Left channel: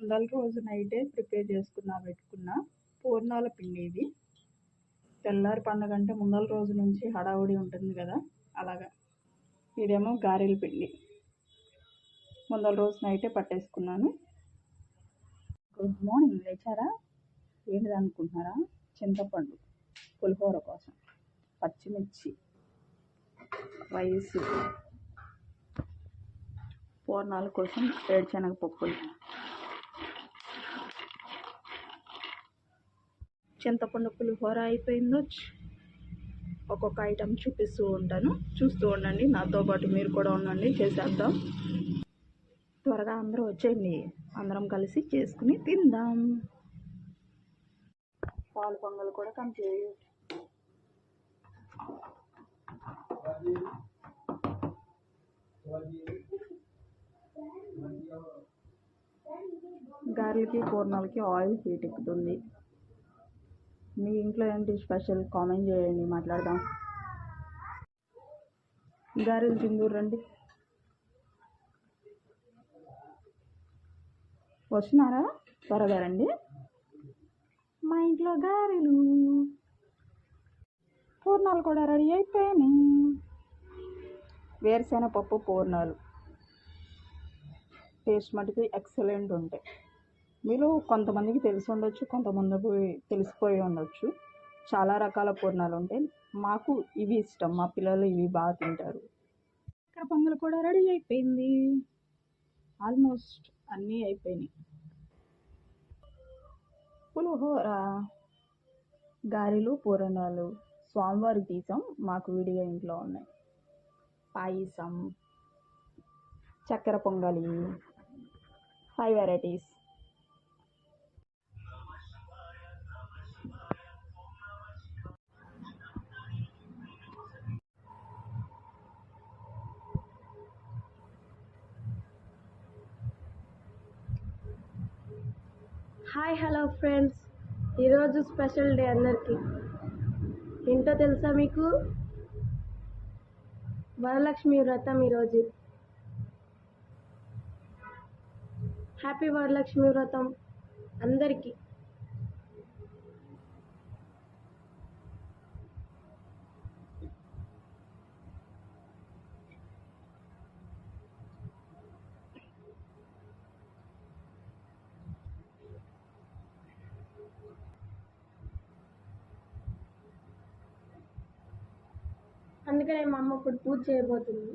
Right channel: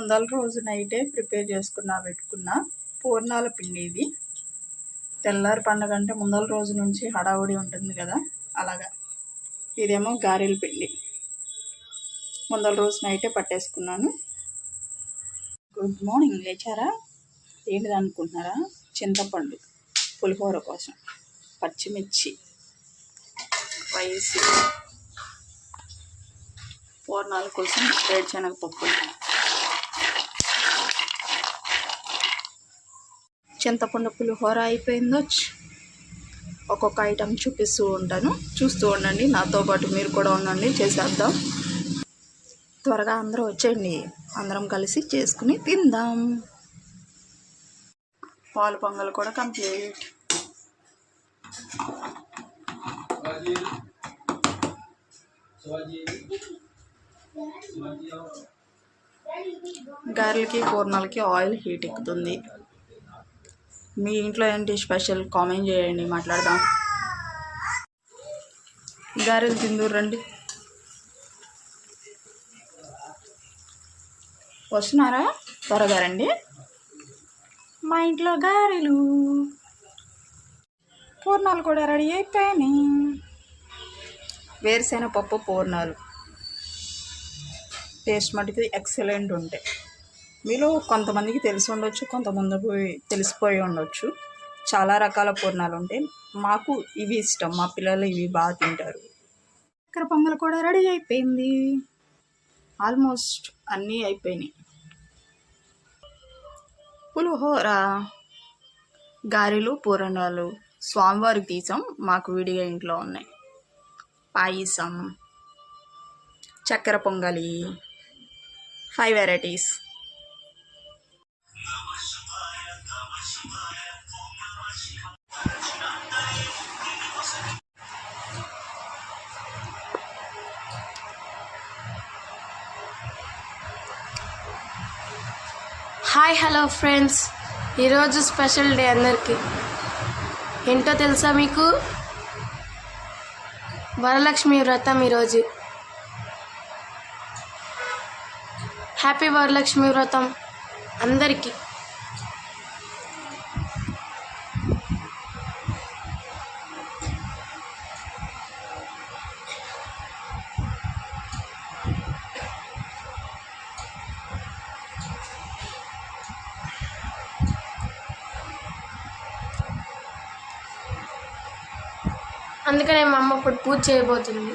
ముందల రోజు నైటే ప్రిపేర్ పెట్టుకున్న పూర్ణాల పిండి ఇది. తెల్లారి పండుగ అంటే ముందల రోజు నుంచి హడావుడి ఉంటుంది కదా, అలాగా. ఇదేమో గారెల పిండి ముందల రోజు నైటే పట్టేసుకున్నాను. Good morning. లేచారా? ఏంటిది అనుకుంటున్నారా? చింతపండు పులిహోర కోసం, పచ్చిమిర్చి, రైస్, పూర్ణాల కోసం వేరుశనగపప్పులు, చింతపండు పులిహోర అయిపోయిందో. ఒక్కొక్క ఐటెం చూపిస్తూ ఉంటాను, చూస్తూ ఉండండి. నాతో పాటు మీరు కూడా ఉండండి, చేసేద్దాం. త్వరగా అందరూ వచ్చేయండి, అందరం కలిసి చేసుకుని తిందాం. పాలు పొంగల్ కూడా కంప్లీట్. గారెలకి పూర్ణాలకి ఆయిల్ హీట్ ఎక్కుతుంది. మీ ఇంట్లో ఏంటి స్పెషల్? కామెంట్ చేయండి, మాట్లాడదాం. గారెలు తిందూరు రండి. వస్తున్నారా? త్వరగా రండి. మా ఇంట్లో గారెలు పూర్ణాలు కూడా రెడీ అయిపోయినాయి. వేరుశనగపప్పు పూర్ణాలు టేస్ట్ మటుకు ఎక్సలెంట్ ఉంటాయి. మీలో కొంతమందికి తెలిసి ఉండొచ్చు, కొంతమందికి తెలిసిపోయి ఉండొచ్చు. చాలా రకాల పూర్ణాలు ఉంటాయి. మాకు ఇవి ఇష్టం, మా పిల్లలు ఇవి బాగా తింటారు. చక్కెర పొంగల్ కూడా రెడీ అయిపోయింది. ఆల్మోస్ట్ అన్నీ అయిపోయినాయి. పులిహోర, గారెలు, పూర్ణాలు స్వామివారికి తీసాం, మాకు విడిగా ఇంట్లో ఉన్నాయి. పాయసం, చక్కెర పొంగలి, 5 వెరైటీస్. Hi, hello friends. ఈరోజు స్పెషల్ డే అందరికీ. ఏంటో తెలుసా మీకు? వరలక్ష్మి వ్రతం ఈరోజు. హ్యాపీ వరలక్ష్మి వ్రతం అందరికీ. అందుకనే మా అమ్మ ఇప్పుడు పూజ చేయబోతుంది.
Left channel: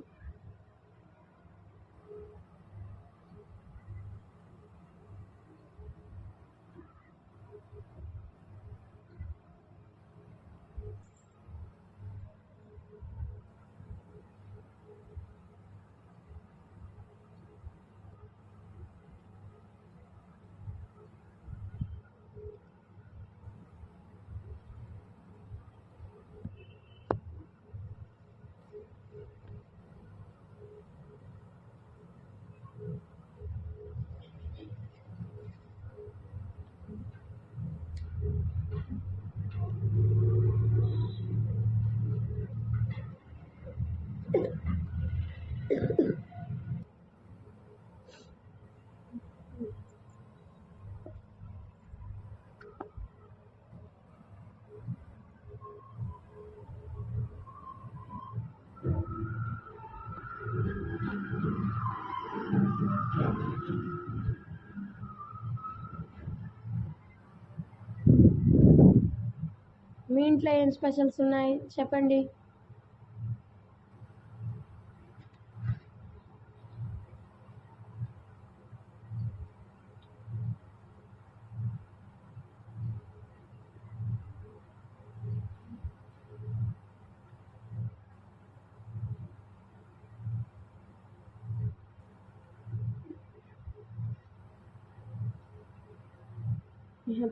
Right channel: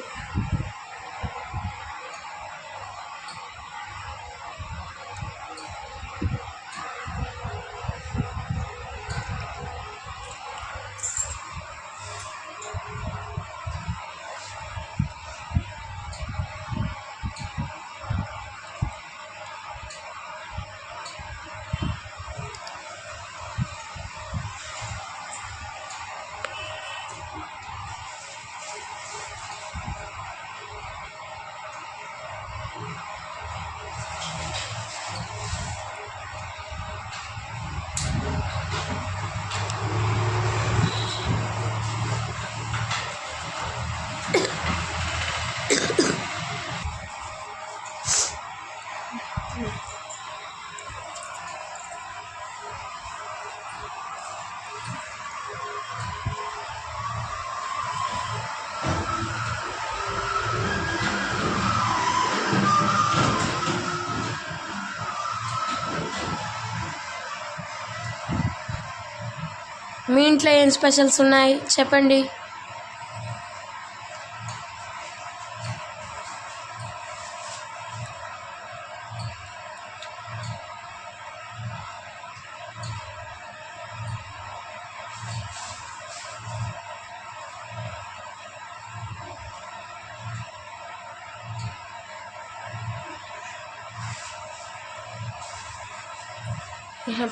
మీ ఇంట్లో ఏం స్పెషల్స్ ఉన్నాయి చెప్పండి.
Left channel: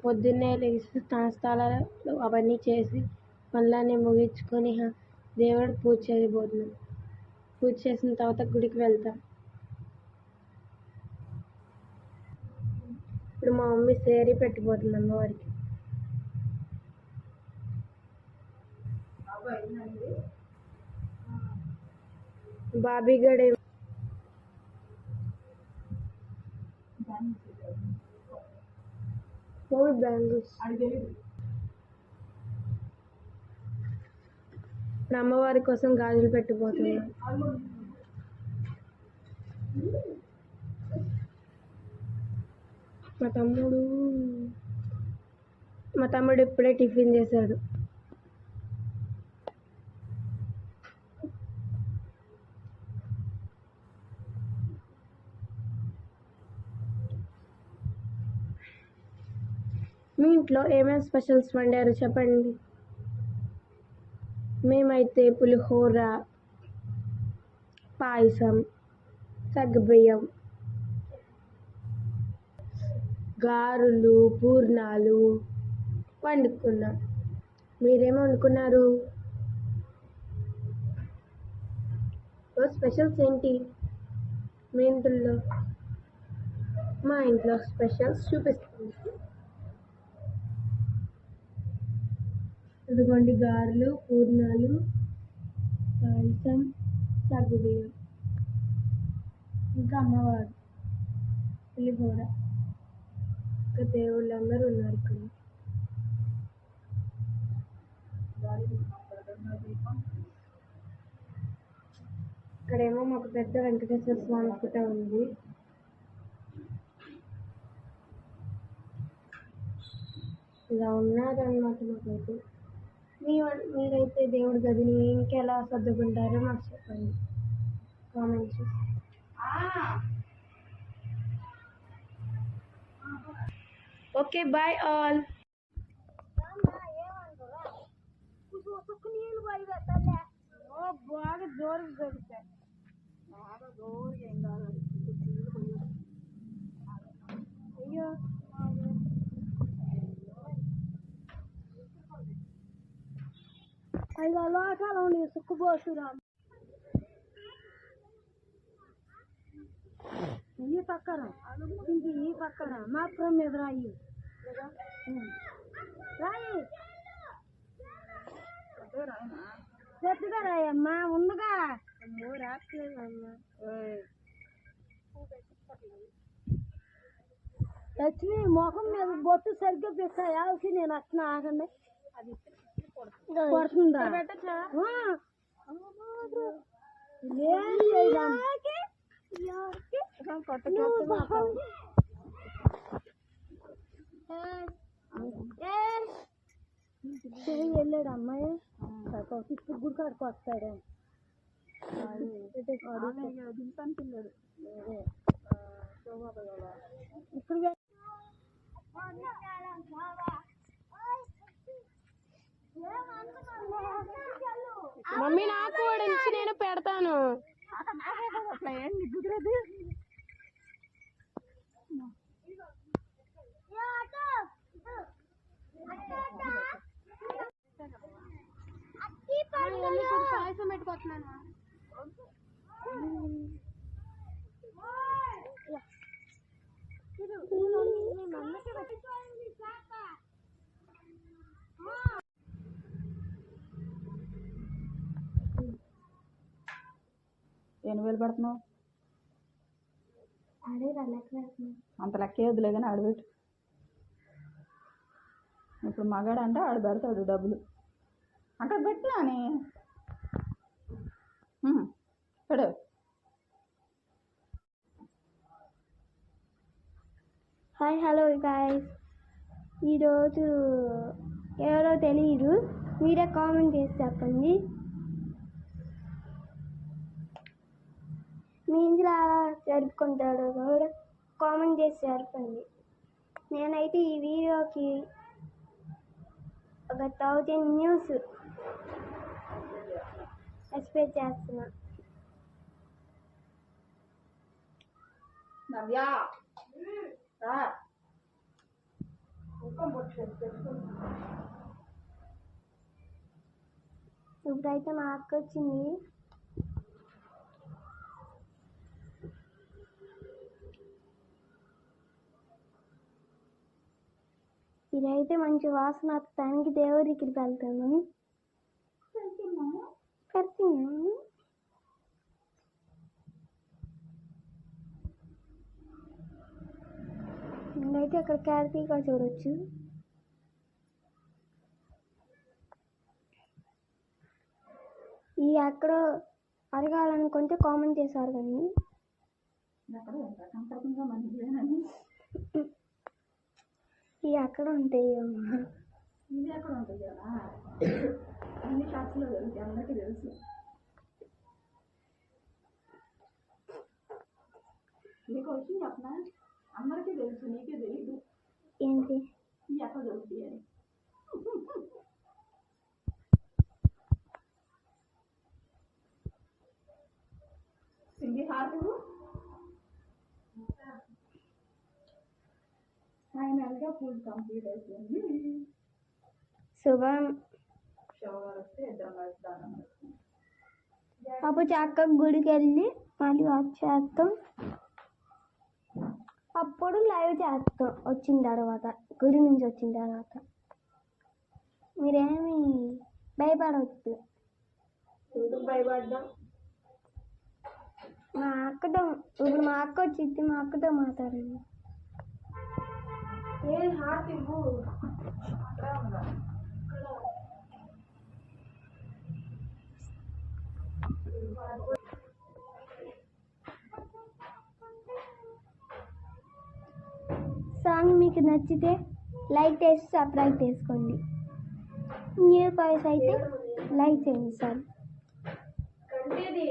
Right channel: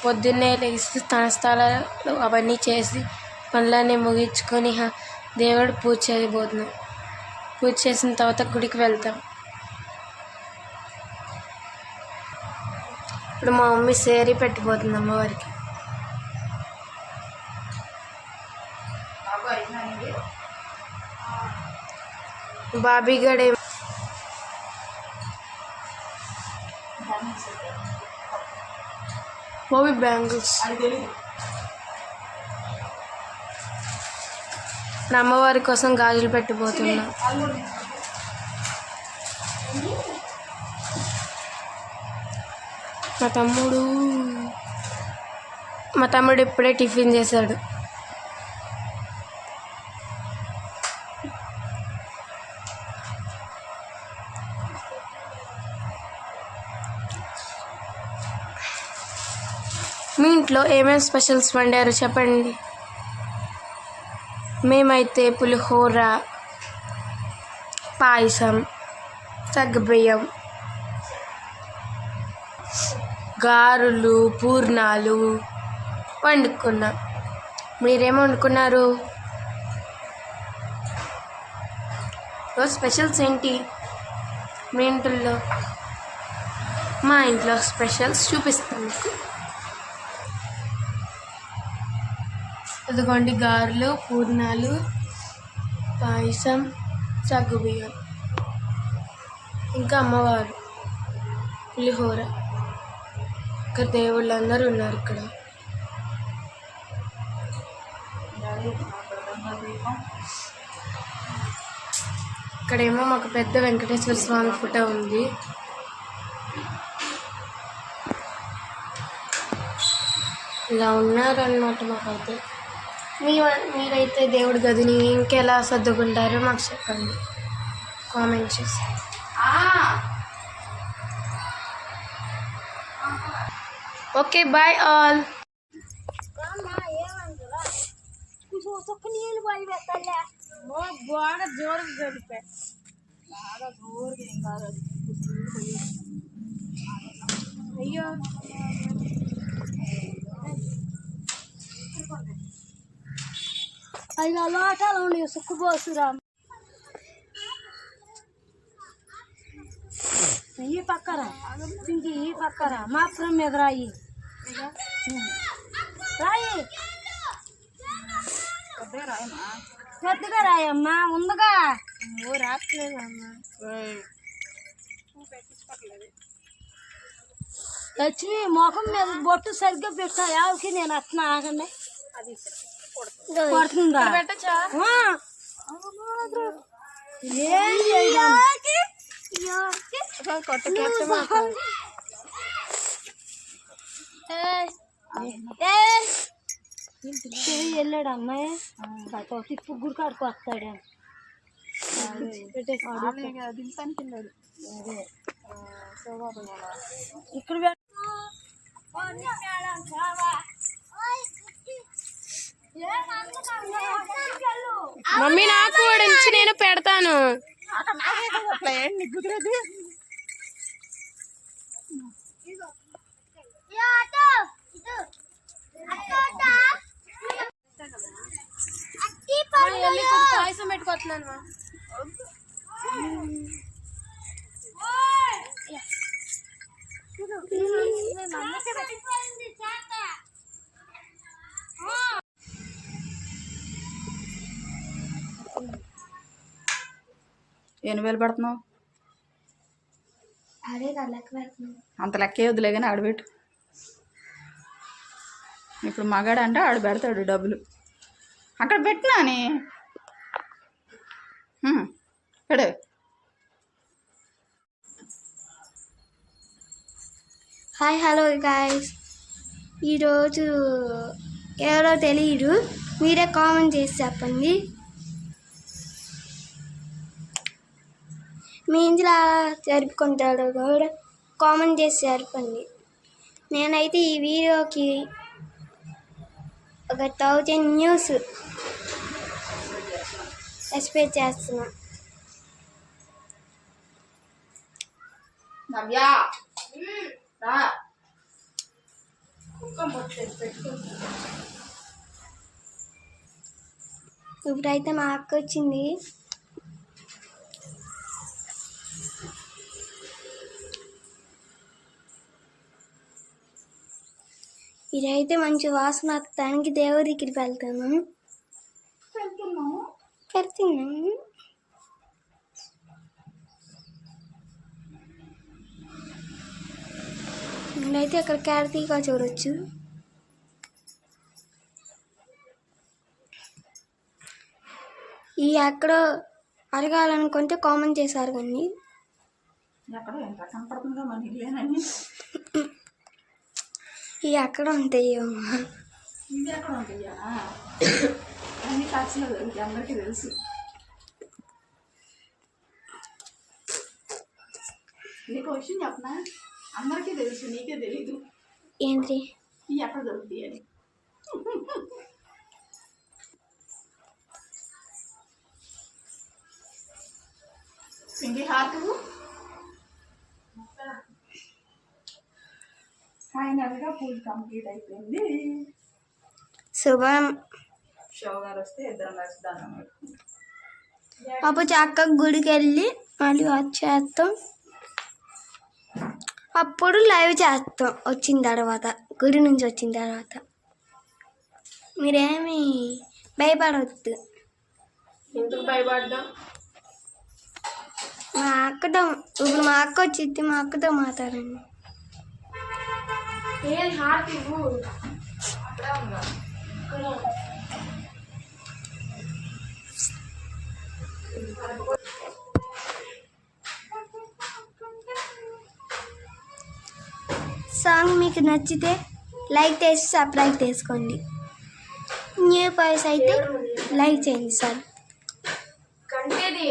పొద్దున్నే లేచి స్నానాలు అవన్నీ చేసి పనులన్నీ ముగించుకొని దేవుడు పూజ చేయబోతున్నాం. పూజ చేసిన తర్వాత గుడికి వెళ్తాం. ఇప్పుడు మా మమ్మీ సేరీ పెట్టిపోతుంది అమ్మవారికి. బాబీ గడే మూవీ బ్యాంగిల్స్. నా అమ్మవారి కోసం గాజులు పెట్టిపోతున్నా. మా తమ్ముడు ఇప్పుడే టిఫిన్ చేశాడు. మీ ఇంట్లో ఏమేమి స్పెషల్స్ వండారో చెప్పండి. మేమైతే పులిహోర, పాయసం, సగ్గుబియ్యం, గారెలు, పూర్ణాలు వండుకున్నాం. మీరేం వండుకున్నారు? రోజు స్పెషల్స్ ఏంటి మీ ఇంట్లో? మా ఇంట్లో స్పెషల్స్ చూపిస్తాను మీకు. అదిగోండి గారెలు, పూర్ణాలు, పాయసం, సగ్గుబియ్యం, ఇంకా అమ్మవారు, పులిహోర. ఇక్కడ దేవుళ్ళు అందరూ ఉన్నారు. ఇక్కడేమో మాకు పెద్ద వెంకటేశ్వర స్వామి ఫోటో ఉంది. ఇలా ఉన్నారన్నమాట మాకైతే. మీరైతే దేవుడి గదిని ఇంకెలా సర్దుకుంటారో మాకు చెప్పండి కామెంట్ చేసి. Okay, bye all. బాగా జోరుగా గడిపా. బాగా జోరుగా ఏం కాదు. అయ్యో, అలా లోటాలు ఉన్నాయి, సుక్కుపోసురా. ఈ పక్కరా ఇంక ఈ పక్కరా మాత్రం మీద రాయి రాయి పెద్దగా రాయమ్మా. ఉందగా రాట్లేదమ్మా. లక్ష్మి మొఖం మీద బొట్టు సరిగ్గా పెట్టా. యావకి నేను అట్లా ఆగండి. పడుతుందా? వెళ్ళాడు అమ్మాయి ఇప్పుడు గుడి కాడుకు వస్తాడు. ఇక్కడ మమ్మీ నాకు కూడా ఇచ్చి నేను పెడతాను. పాయసం పెట్టుకోవట్లేను. ఎన్ని వేలు పెడుతున్నావు? అంత లెక్కే వద్దులే కానీ ఆడబెట్టు. ఇప్పుడు మగాడు అంటే ఆడు పెడతాడు డబ్బులు. అక్కడ పెట్టినాని పెడు. Hi, hello guys. ఈరోజు ఎవరో తెలియదు, మీరే కామెంట్ చేసి చెప్పండి. మీ ఇంట్లో జరుపుకుంటాడు కూడా కామెంట్ చేసి జరపండి. నేనైతే ఈ వీడియోకి ఒక 1000 న్యూస్ ఎక్స్పెక్ట్ చేస్తున్నా. ఇప్పుడైతే మా అక్క వచ్చింది. ఇదైతే మంచి వాసన వస్తానికి దేవుడి దగ్గరికి వెళ్తాను. అయితే అక్కడ కార్తీక చూడొచ్చు. ఈ ఎక్కడో అడగాలనుకుంటే కామెంట్ చేశారు కానీ ఎక్కడో ఎంత కనపడుతుందో మన ఇల్లేనని. ఈ ఎక్కడ ఉంటాయో ఇవి ఎక్కడ ఉంటాయా? అన్ని ఖర్చులో దొరుకుతాయి, అందరికీ తెలుసు. నీకు విషయం చెప్పనా? అందరికీ తెలుసు, నీకే తెలీదు. ఏంటి? ఇవి ఎక్కడ దొరుకుతాయి అని. పిండి హార్ట్ ఫైనల్గా పూజ కంప్లీట్ అయిపోయింది. శుభం. షో గారు వస్తే ఇద్దరం కలిసి దానం పెట్టుకుంటాం. అప్పుడు చక్కగా గుడికి వెళ్ళి మళ్ళీ వచ్చేస్తాం. అప్పుడు లైవ్ చేస్తాం వచ్చిన తర్వాత, గుడి నుంచి వచ్చిన తర్వాత. మీరేమి భయపడవద్దు. ఎందుకు భయపడ్డాం? మా అక్కతో ఇప్పుడు మా అక్క వచ్చింది, మా అక్కతో మాట్లాడండి. ఏది హార్ట్ ఇవ్వు. సాంగ్ మీకు నచ్చితే లైక్ చేసి సబ్స్క్రైబ్ చేసుకోండి. న్యూ బాయ్స్ అయితే లైక్ చేయండి సార్. కంటేది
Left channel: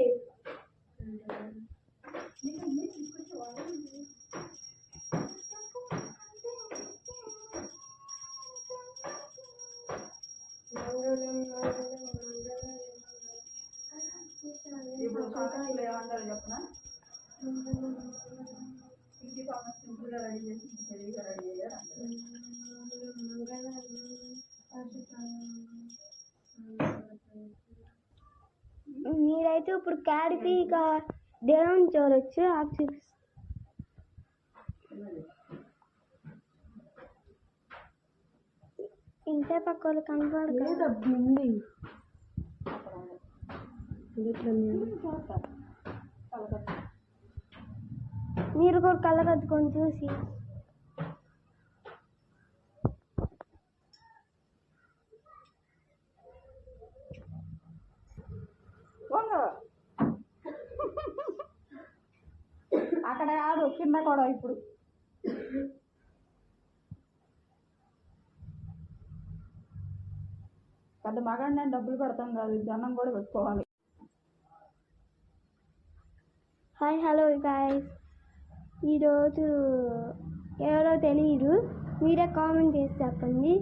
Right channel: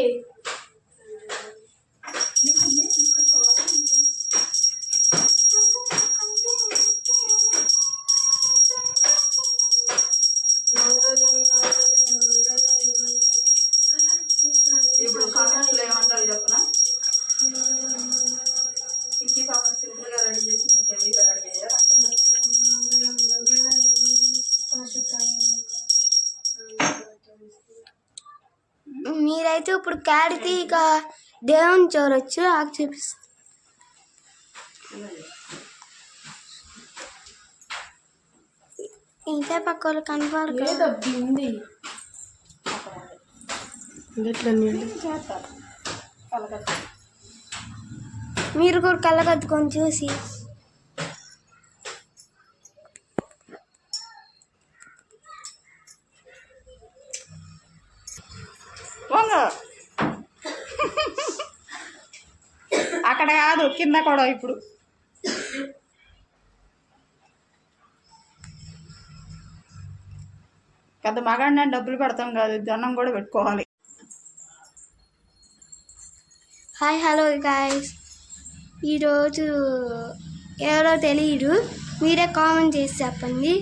ఇప్పుడు కామెంట్లో ఏమంటారు చెప్పనా? ఇంటి కామెంట్ సింపుల్గా రెడీ చేసి హెవీగా రెడీ చేయాలి. మీరైతే ఇప్పుడు కార్తీక దేవుని చూడొచ్చు. నాకు చూపిస్తుంది. ఇంకా పక్క వాళ్ళు కనపడదు. దబ్బింది ఎట్లా చేస్తారు కలకత్త. మీరు కూడా కళ్ళకద్దుకొని చూసి అక్కడ కాదు, కింద కూడా. ఇప్పుడు పెద్ద మగాడిని డబ్బులు పెడతాం కాదు, దండం కూడా పెట్టుకోవాలి. Hi hello guys. ఈరోజు ఎవరో తెలియదు, మీరే కామెంట్ చేసి చెప్పండి.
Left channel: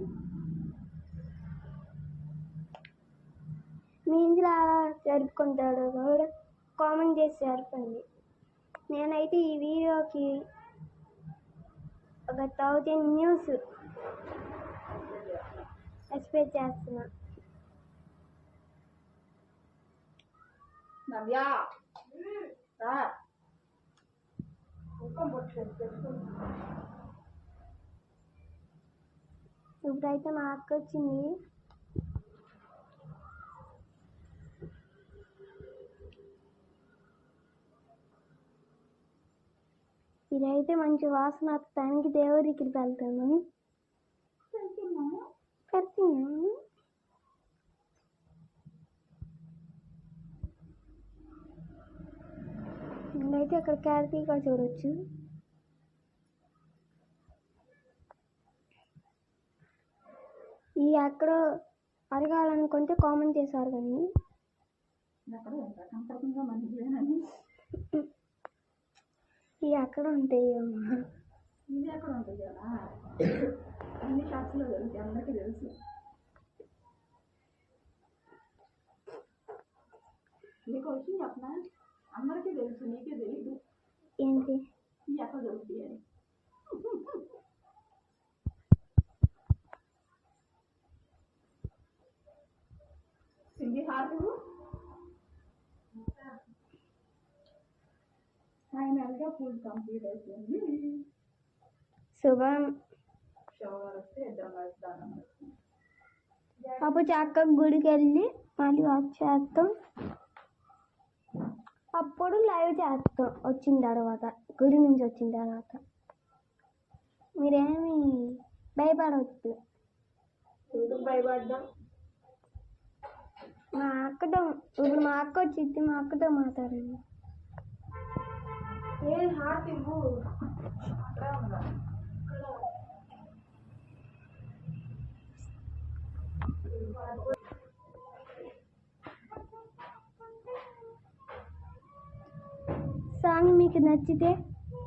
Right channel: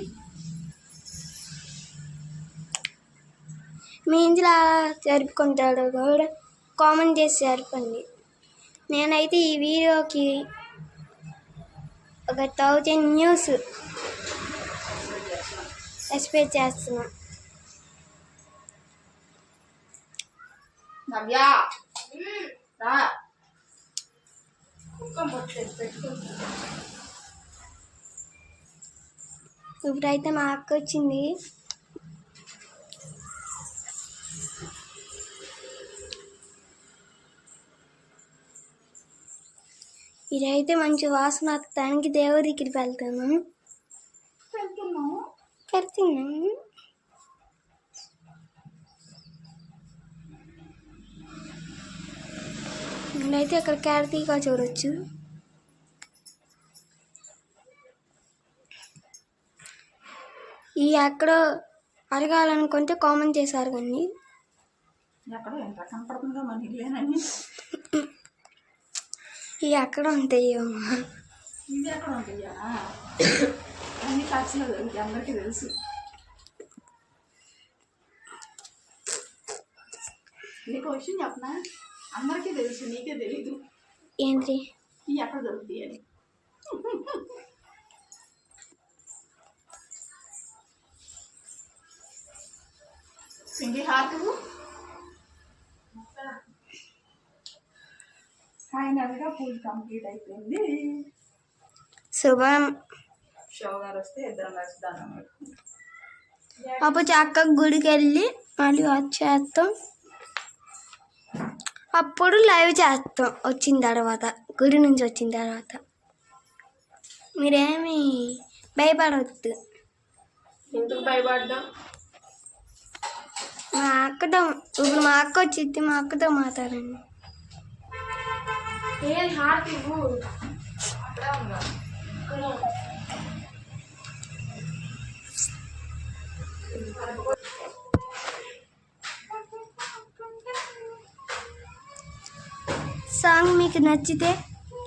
మీ ఇంట్లో జరుపుకుంటాడు కూడా కామెంట్ చేసి చెప్పండి. నేనైతే ఈ వీడియోకి ఒక 1000 న్యూస్ ఎక్స్పెక్ట్ చేస్తున్నా. నవ్యా రా. ఇప్పుడైతే మా అక్క వచ్చింది. ఇదైతే మంచి వాసన వస్తానికి దేవుడి దగ్గరికి వెళ్తున్నాను. నేనైతే అక్కడ కార్తీక చూడొచ్చు. ఈ ఎక్కడో అడగాలనుకుంటే కామెంట్ చేశారు కానీ ఎక్కడో ఎంత కనపడుతుందో మన ఇల్లేనని. ఈ ఎక్కడ ఉంటాయో ఇవి ఎక్కడ ఉంటాయా? అన్ని ఖర్చులో దొరుకుతాయి, అందరికీ తెలుసు. నీకు విషయం చెప్పనా? అందరికీ తెలుసు, నీకే తెలీదు. ఏంటి? ఇవి ఎక్కడ దొరుకుతాయి అని. పిండి హార్ట్ ఫైనల్గా పూజ కంప్లీట్ అయిపోయింది. శుభం. షో గారు వస్తే ఇద్దరం కలిసి దానం పెట్టుకుంటాం. అప్పుడు చక్కగా గుడికి వెళ్ళి మళ్ళీ వచ్చేస్తాం. అప్పుడు లైవ్ చేస్తాం వచ్చిన తర్వాత, గుడి నుంచి వచ్చిన తర్వాత. మీరేమి భయపడవద్దు. ఎందుకు భయపడ్డా? మా అక్కతో ఇప్పుడు మా అక్క వచ్చింది, మా అక్కతో మాట్లాడండి. ఏది హార్ట్ ఇవ్వు. సాంగ్ మీకు నచ్చితే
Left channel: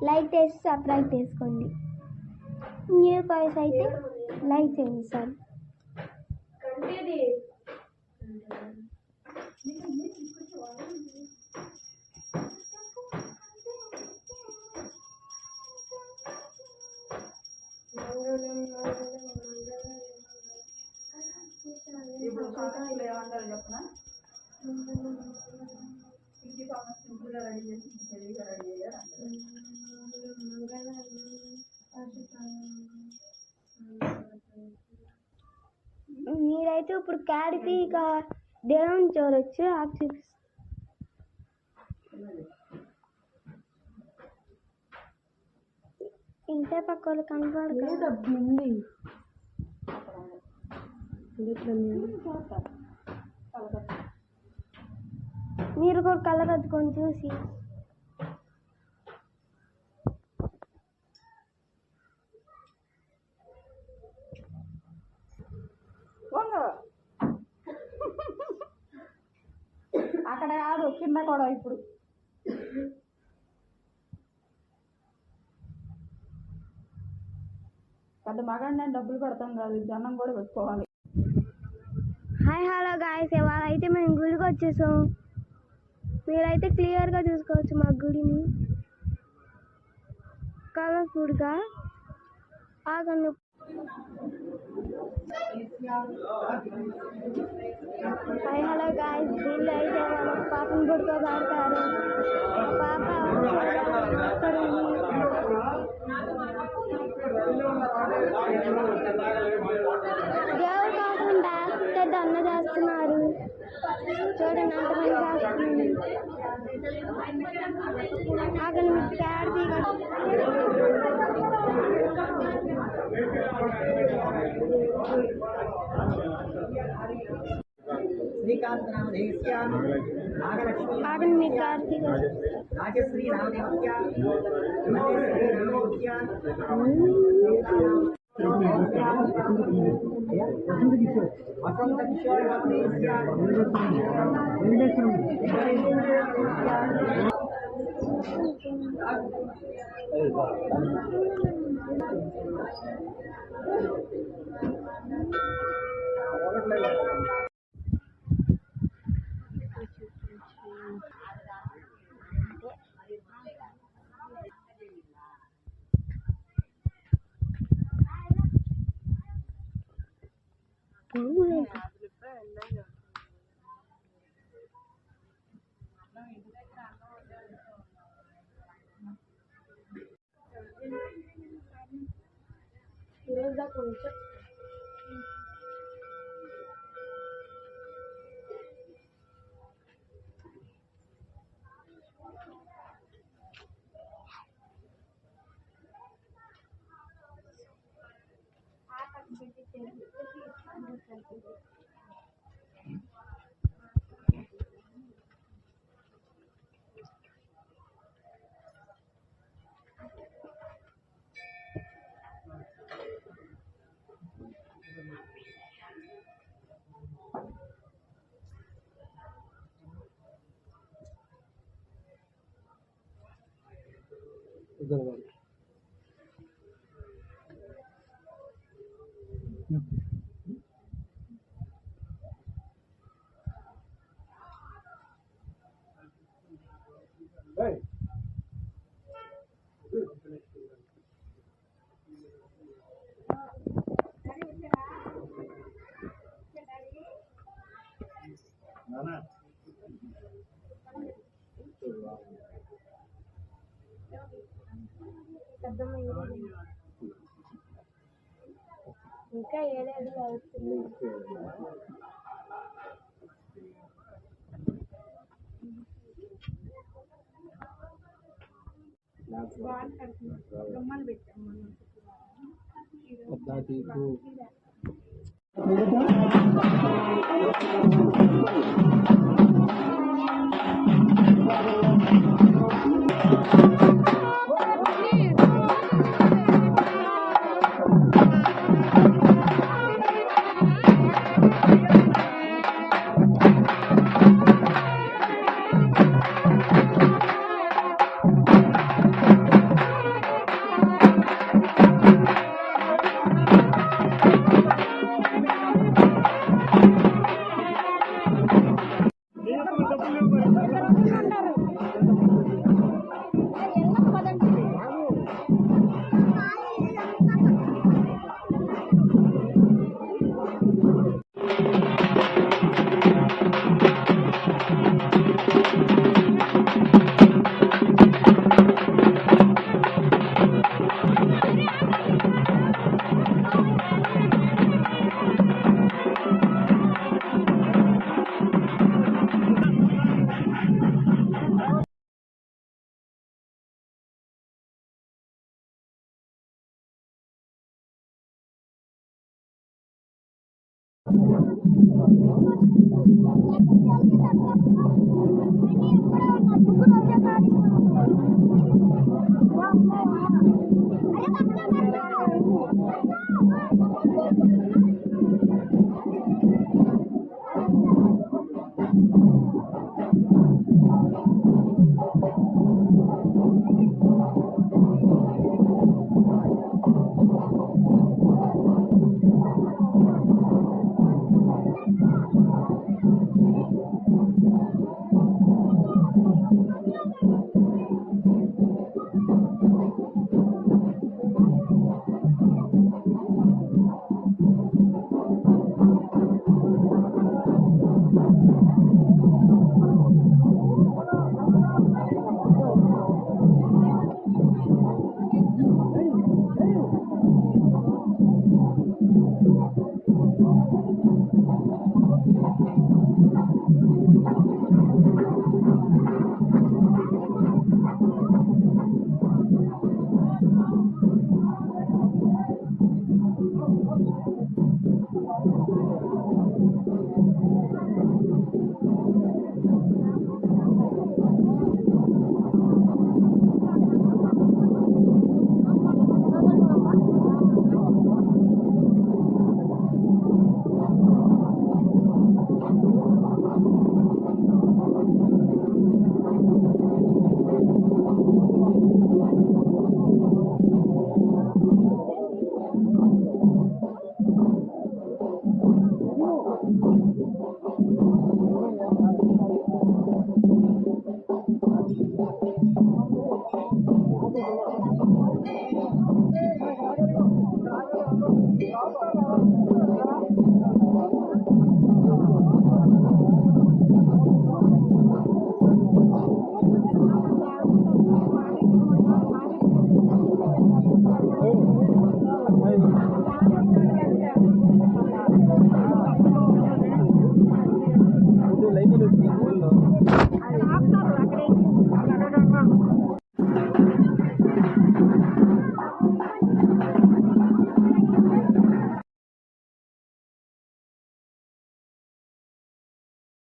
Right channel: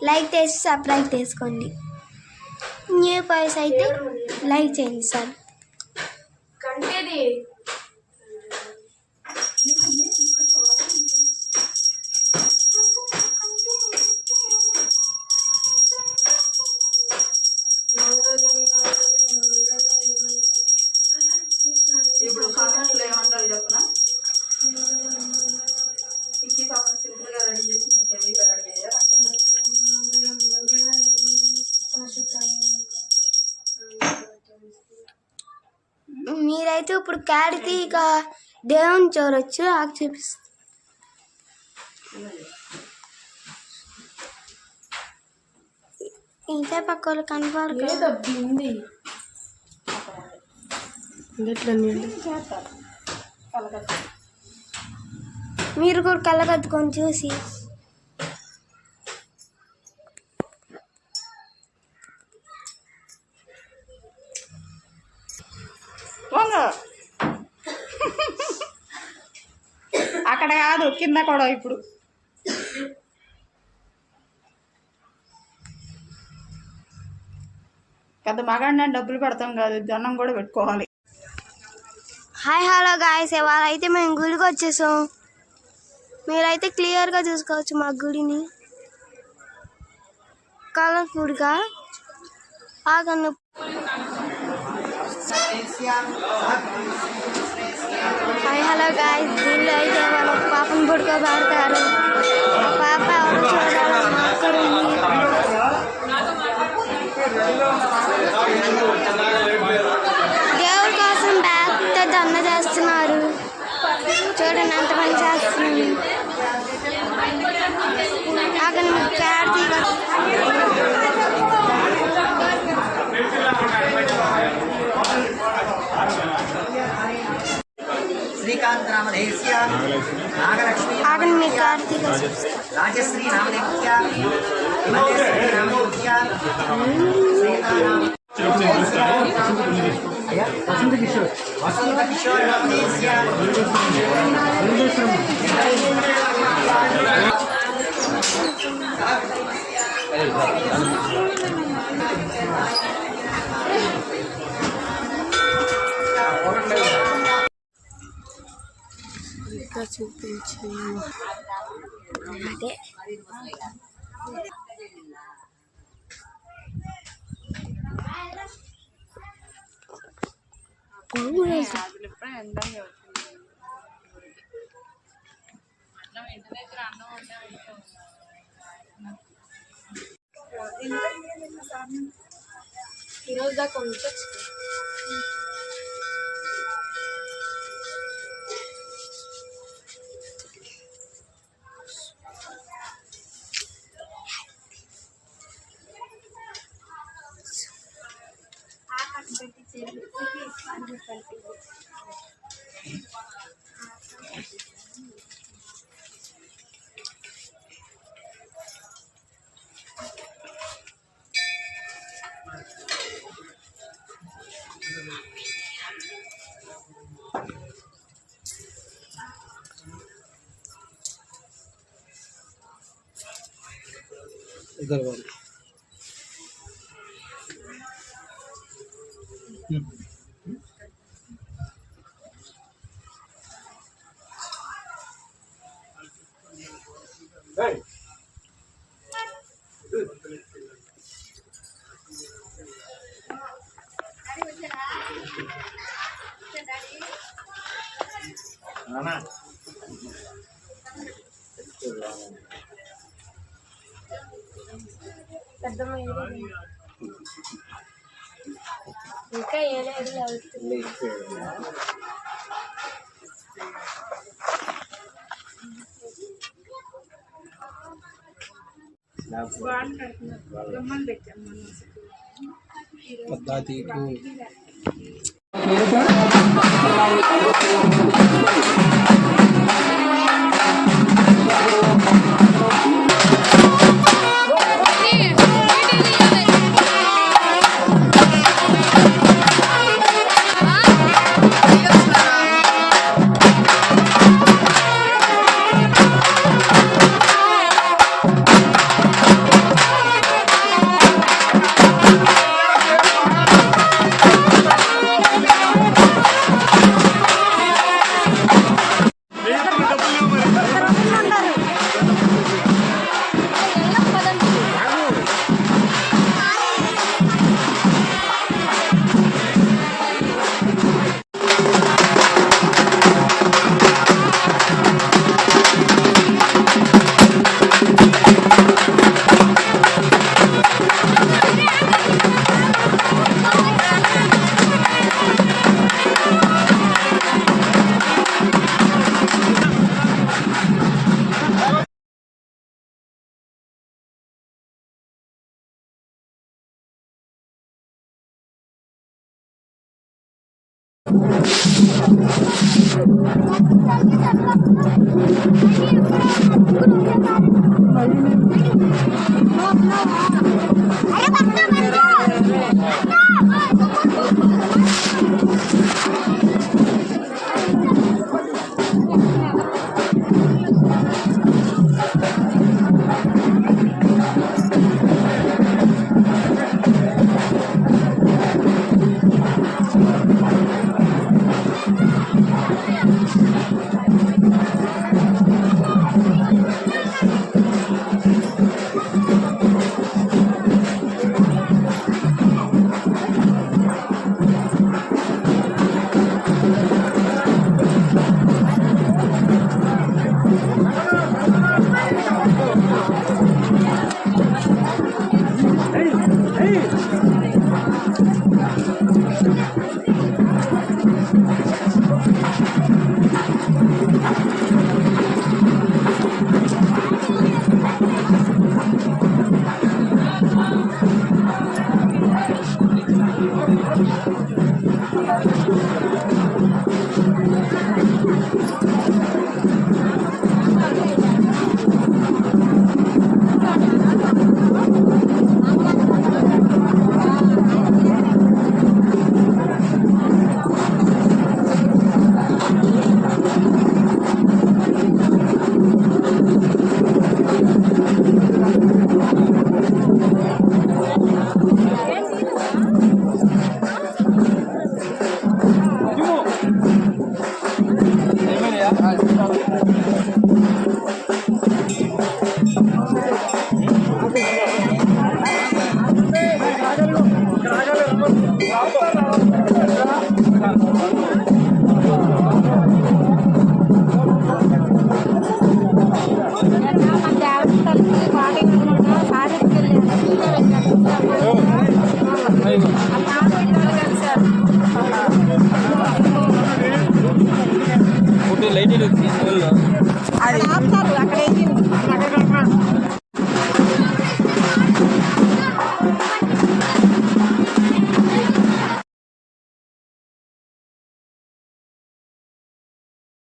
లైక్ చేసి సబ్స్క్రైబ్ చేసుకోండి. న్యూ బాయ్స్ అయితే లైక్ చేయండి సార్. కంటేది ఇప్పుడు కామెంట్లో ఏమంటారు చెప్పనా? పిక్కి పాపం సింపుల్గా రెడీ చేసి హెవీగా రెడీ చేయాలి. మీరైతే ఇప్పుడు క్యాడితే ఇక దేవుని చూడొచ్చు. ఆకు చూపిస్తుంది. ఇంతే పక్క వాళ్ళు కనపడదు. బింది ఎట్లా మీరు కూడా కళ్ళకద్దుకొని చూసి అక్కడ కాదు కింద కూడా. ఇప్పుడు పెద్ద మగాడిని డబ్బులు పెడతాం కాదు, దండం కూడా పెట్టుకోవాలి. హాయ్ హలో గాయస్, ఇవాళ అయితే మేము గుడికి వచ్చేసాం. మీరైతే క్లియర్గా చూసుకోవచ్చు మా గుడిని, కలర్ఫుల్గా. ఆగండి. హాయ్ హలో గాయస్, దీనిలో అయితే వాళ్ళ పాపను పడుకోబెడతారు. పాప ఎవరు చూడాలి అక్కడుంది. దేవుడి కోసం పెద్ద దండ చేస్తున్నారు. చూడండి ఎంత పని చేస్తుంది. అక్కడ కార్తీక శ్రీకాంత్ నామధేయస్య నాగలక్ష్మీ అక్కడ మీ కార్తీక రాజశ్రీ నామధేయస్య హిమజశ్రీ నామధేయస్య వసంత కిషోర్ నామధేయస్య చూపించు. అదే ఈరోజు దాకా ఉంచచ్చు. इधर वाली ఇంకా ఏలేదు అవుతుంది. पद्धति को